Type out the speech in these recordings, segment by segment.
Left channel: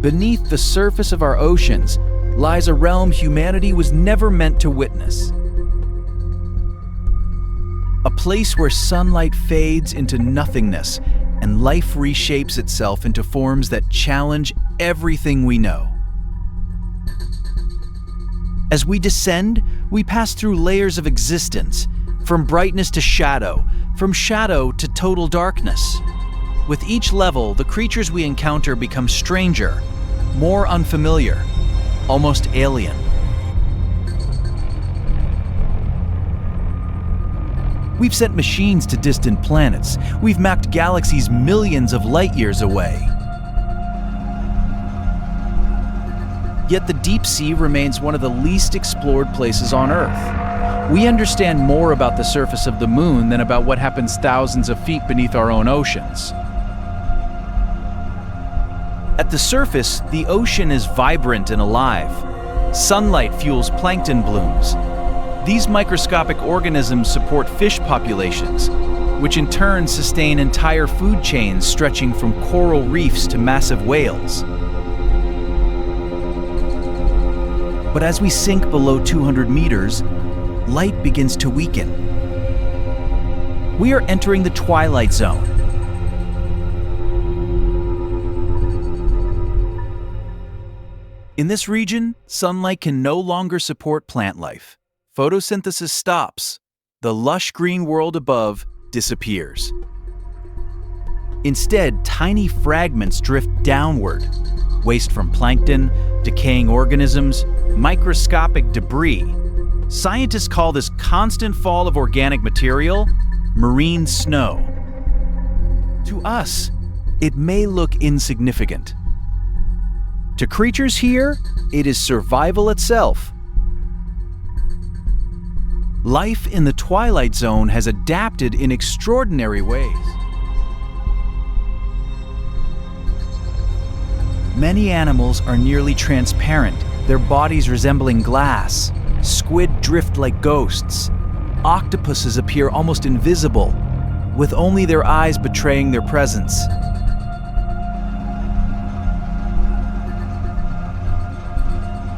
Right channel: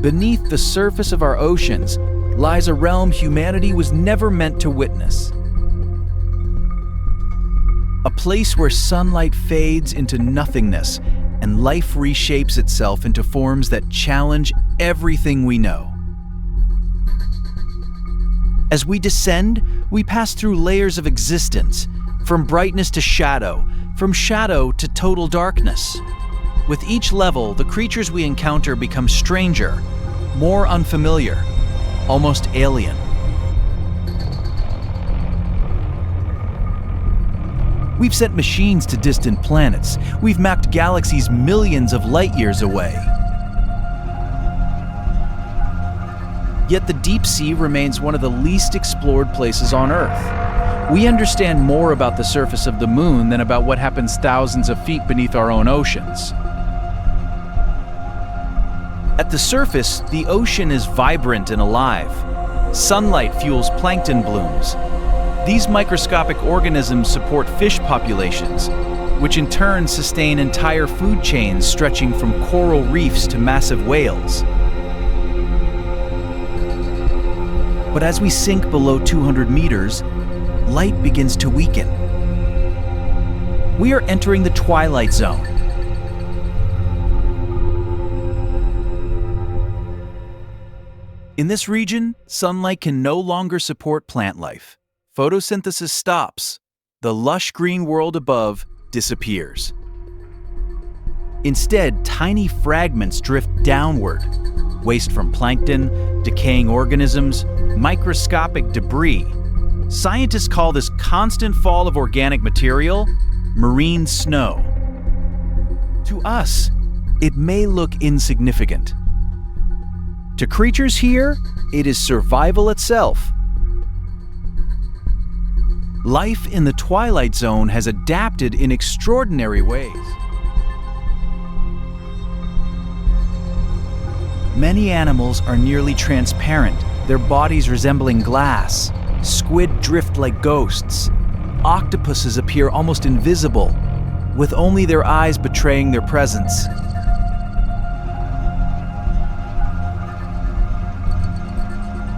beneath the surface of our oceans lies a realm humanity was never meant to witness. A place where sunlight fades into nothingness and life reshapes itself into forms that challenge everything we know. As we descend, we pass through layers of existence, from brightness to shadow, from shadow to total darkness. With each level, the creatures we encounter become stranger, more unfamiliar, almost alien. We've sent machines to distant planets. We've mapped galaxies millions of light years away. Yet the deep sea remains one of the least explored places on Earth. We understand more about the surface of the moon than about what happens thousands of feet beneath our own oceans. At the surface, the ocean is vibrant and alive. Sunlight fuels plankton blooms. These microscopic organisms support fish populations, which in turn sustain entire food chains stretching from coral reefs to massive whales. But as we sink below 200 meters, light begins to weaken. We are entering the twilight zone. In this region, sunlight can no longer support plant life. Photosynthesis stops. The lush green world above disappears. Instead, tiny fragments drift downward. Waste from plankton, decaying organisms, microscopic debris. Scientists call this constant fall of organic material marine snow. To us, it may look insignificant. To creatures here, it is survival itself. Life in the Twilight Zone has adapted in extraordinary ways. Many animals are nearly transparent, their bodies resembling glass. Squid drift like ghosts. Octopuses appear almost invisible, with only their eyes betraying their presence.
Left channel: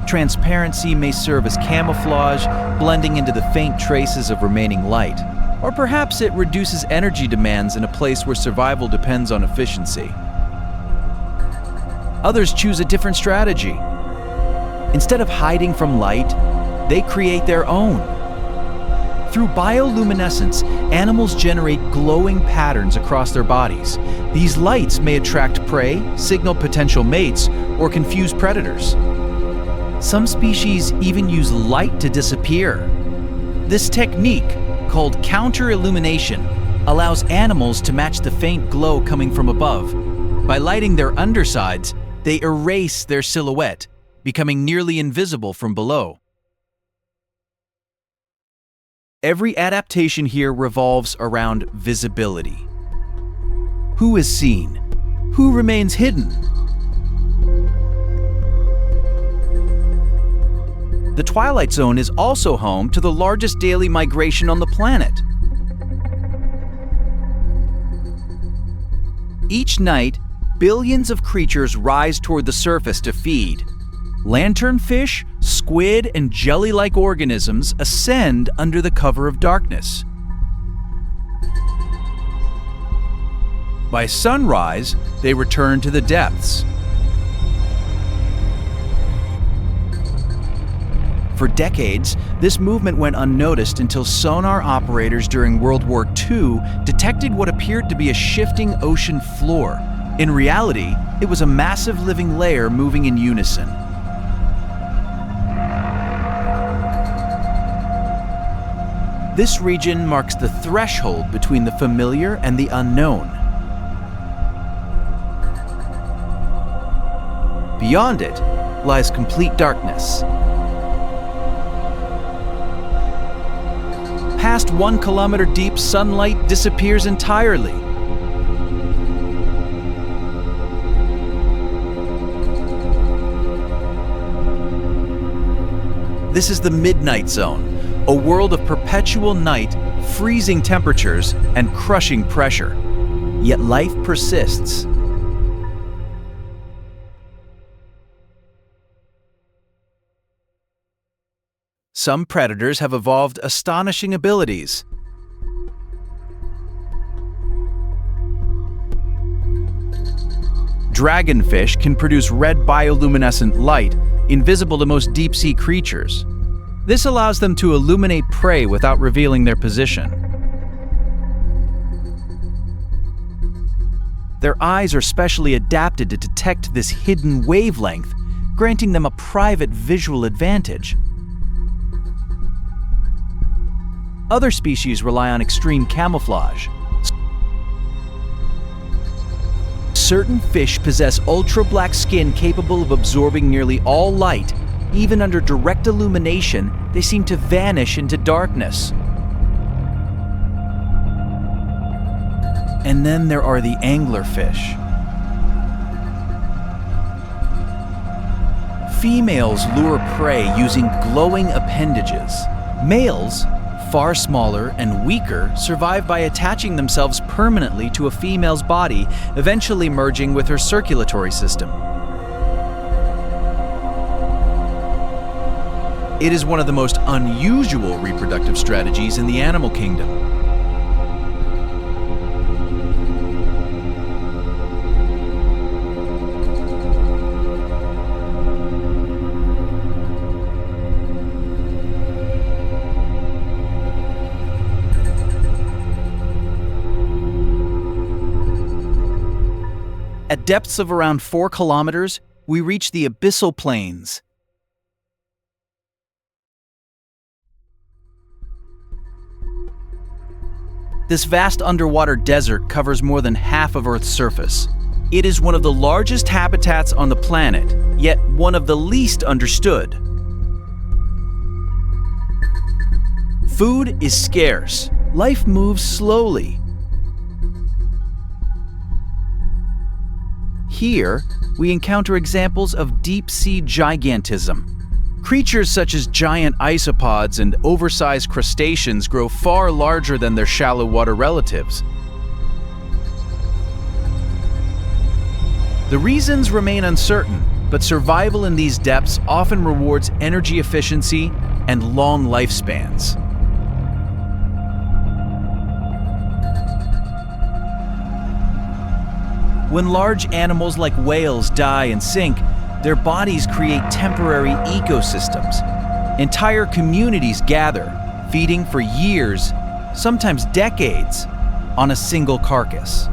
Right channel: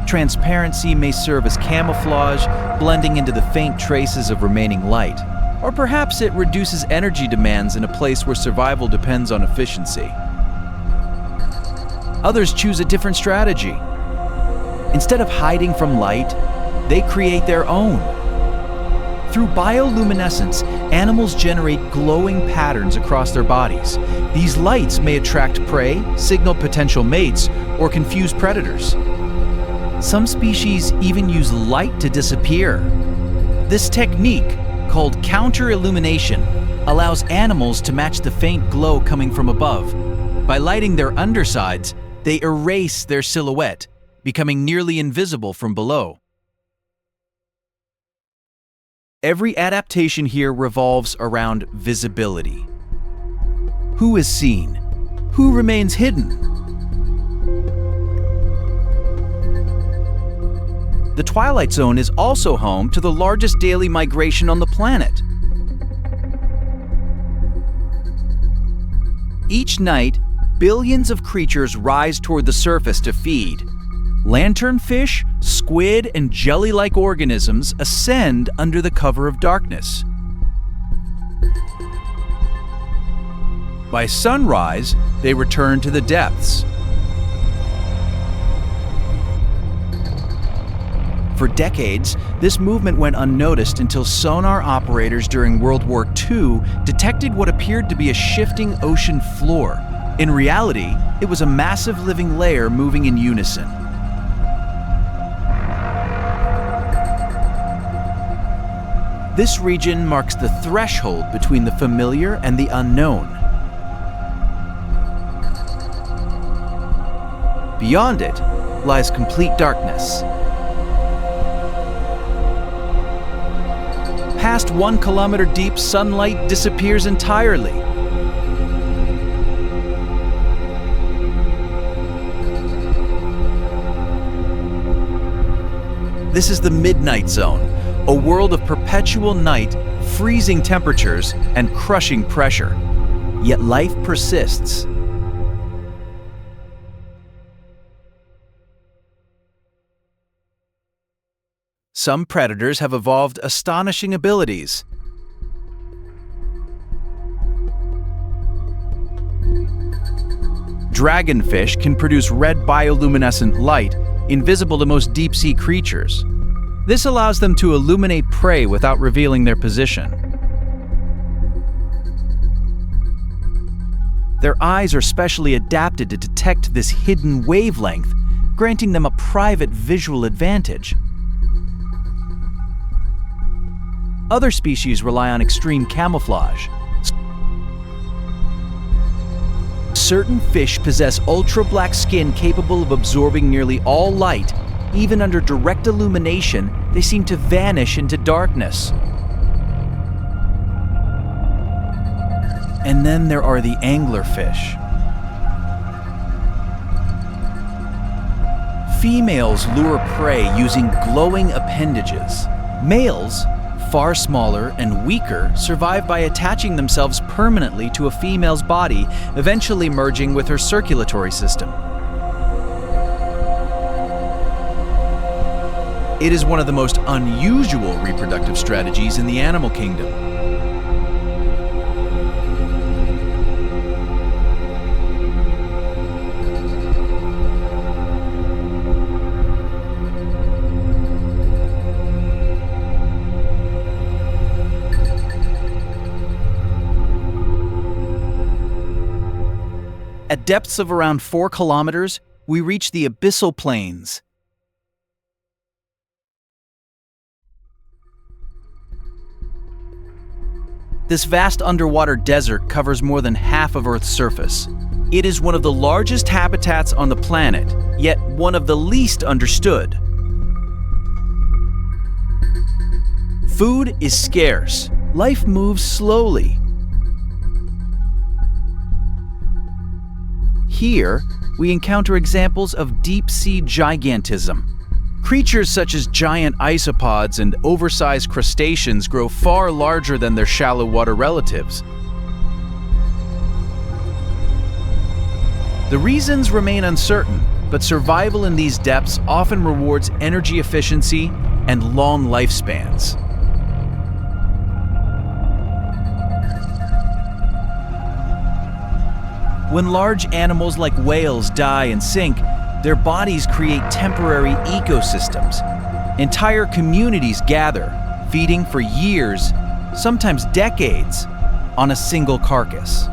Transparency may serve as camouflage, blending into the faint traces of remaining light. Or perhaps it reduces energy demands in a place where survival depends on efficiency. Others choose a different strategy. Instead of hiding from light, they create their own. Through bioluminescence, animals generate glowing patterns across their bodies. These lights may attract prey, signal potential mates, or confuse predators. Some species even use light to disappear. This technique, called counter-illumination, allows animals to match the faint glow coming from above. By lighting their undersides, they erase their silhouette, becoming nearly invisible from below. Every adaptation here revolves around visibility. Who is seen? Who remains hidden? The Twilight Zone is also home to the largest daily migration on the planet. Each night, billions of creatures rise toward the surface to feed. Lanternfish, squid, and jelly-like organisms ascend under the cover of darkness. By sunrise, they return to the depths. For decades, this movement went unnoticed until sonar operators during World War II detected what appeared to be a shifting ocean floor. In reality, it was a massive living layer moving in unison. This region marks the threshold between the familiar and the unknown. Beyond it lies complete darkness. Past 1 kilometer deep, sunlight disappears entirely. This is the Midnight Zone, a world of perpetual night, freezing temperatures, and crushing pressure. Yet life persists. Some predators have evolved astonishing abilities. Dragonfish can produce red bioluminescent light, invisible to most deep-sea creatures. This allows them to illuminate prey without revealing their position. Their eyes are specially adapted to detect this hidden wavelength, granting them a private visual advantage. Other species rely on extreme camouflage. Certain fish possess ultra-black skin capable of absorbing nearly all light. Even under direct illumination, they seem to vanish into darkness. And then there are the anglerfish. Females lure prey using glowing appendages. Males, far smaller and weaker, survive by attaching themselves permanently to a female's body, eventually merging with her circulatory system. It is one of the most unusual reproductive strategies in the animal kingdom. At depths of around 4 kilometers, we reach the abyssal plains. This vast underwater desert covers more than half of Earth's surface. It is one of the largest habitats on the planet, yet one of the least understood. Food is scarce. Life moves slowly. Here, we encounter examples of deep-sea gigantism. Creatures such as giant isopods and oversized crustaceans grow far larger than their shallow water relatives. The reasons remain uncertain, but survival in these depths often rewards energy efficiency and long lifespans. When large animals like whales die and sink, their bodies create temporary ecosystems. Entire communities gather, feeding for years, sometimes decades, on a single carcass.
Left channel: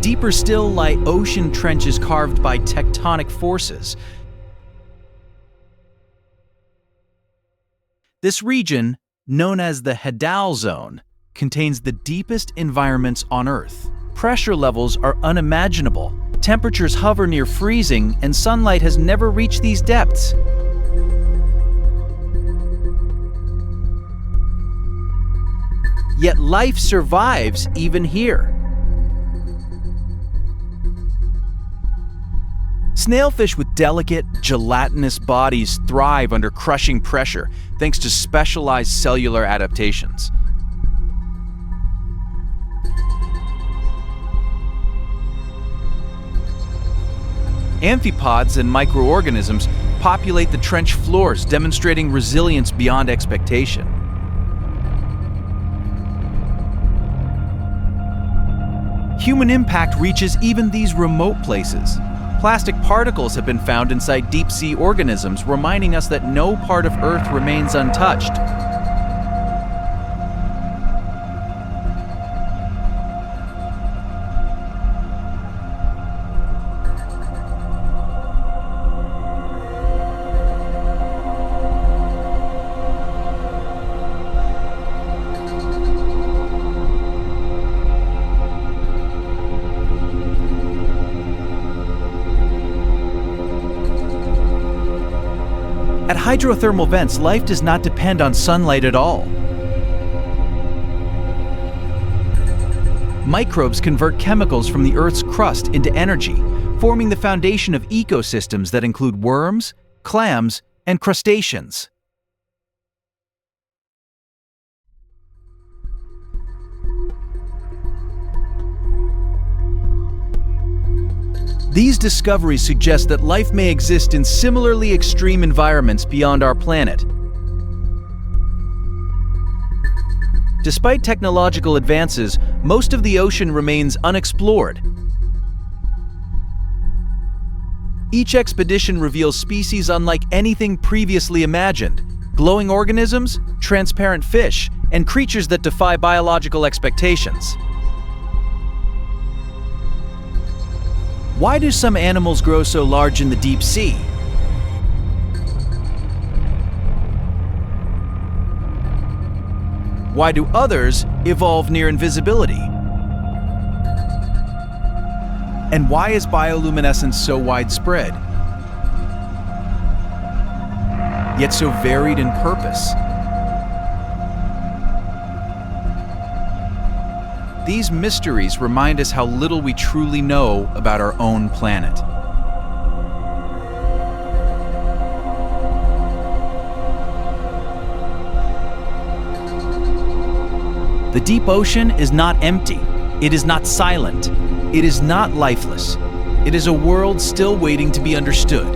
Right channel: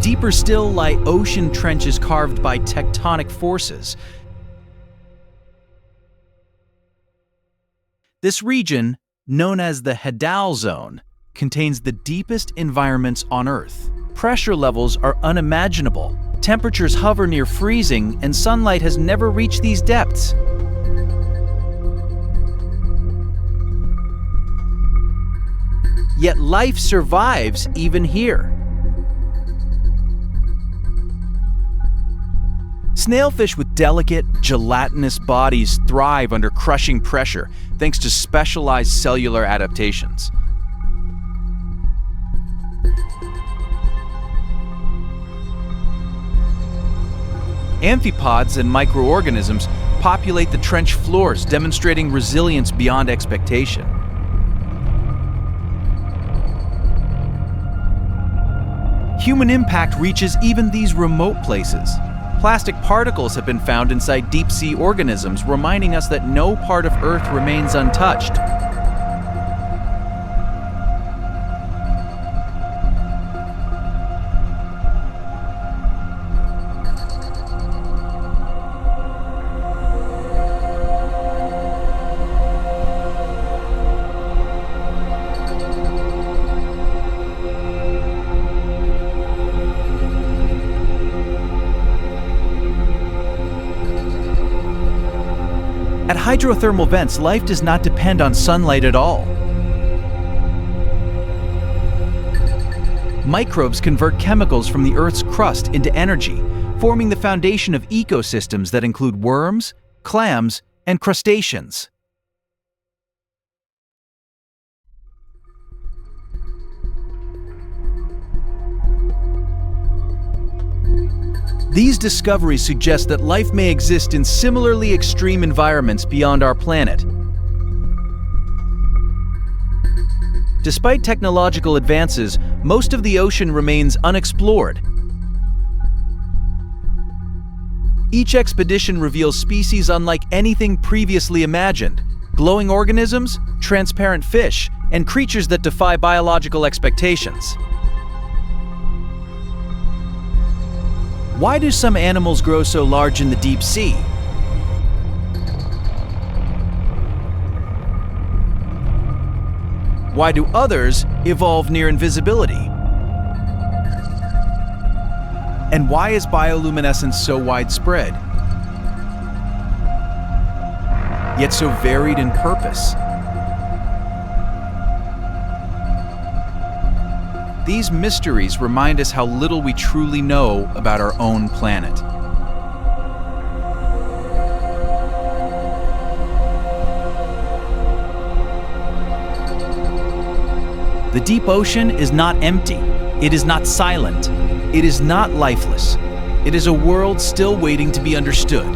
Deeper still lie ocean trenches carved by tectonic forces. This region, known as the Hadal Zone, contains the deepest environments on Earth. Pressure levels are unimaginable. Temperatures hover near freezing, and sunlight has never reached these depths. Yet life survives even here. Snailfish with delicate, gelatinous bodies thrive under crushing pressure thanks to specialized cellular adaptations. Amphipods and microorganisms populate the trench floors, demonstrating resilience beyond expectation. Human impact reaches even these remote places. Plastic particles have been found inside deep-sea organisms, reminding us that no part of Earth remains untouched. At hydrothermal vents, life does not depend on sunlight at all. Microbes convert chemicals from the Earth's crust into energy, forming the foundation of ecosystems that include worms, clams, and crustaceans. These discoveries suggest that life may exist in similarly extreme environments beyond our planet. Despite technological advances, most of the ocean remains unexplored. Each expedition reveals species unlike anything previously imagined: glowing organisms, transparent fish, and creatures that defy biological expectations. Why do some animals grow so large in the deep sea? Why do others evolve near invisibility? And why is bioluminescence so widespread, yet so varied in purpose? These mysteries remind us how little we truly know about our own planet. The deep ocean is not empty. It is not silent. It is not lifeless. It is a world still waiting to be understood.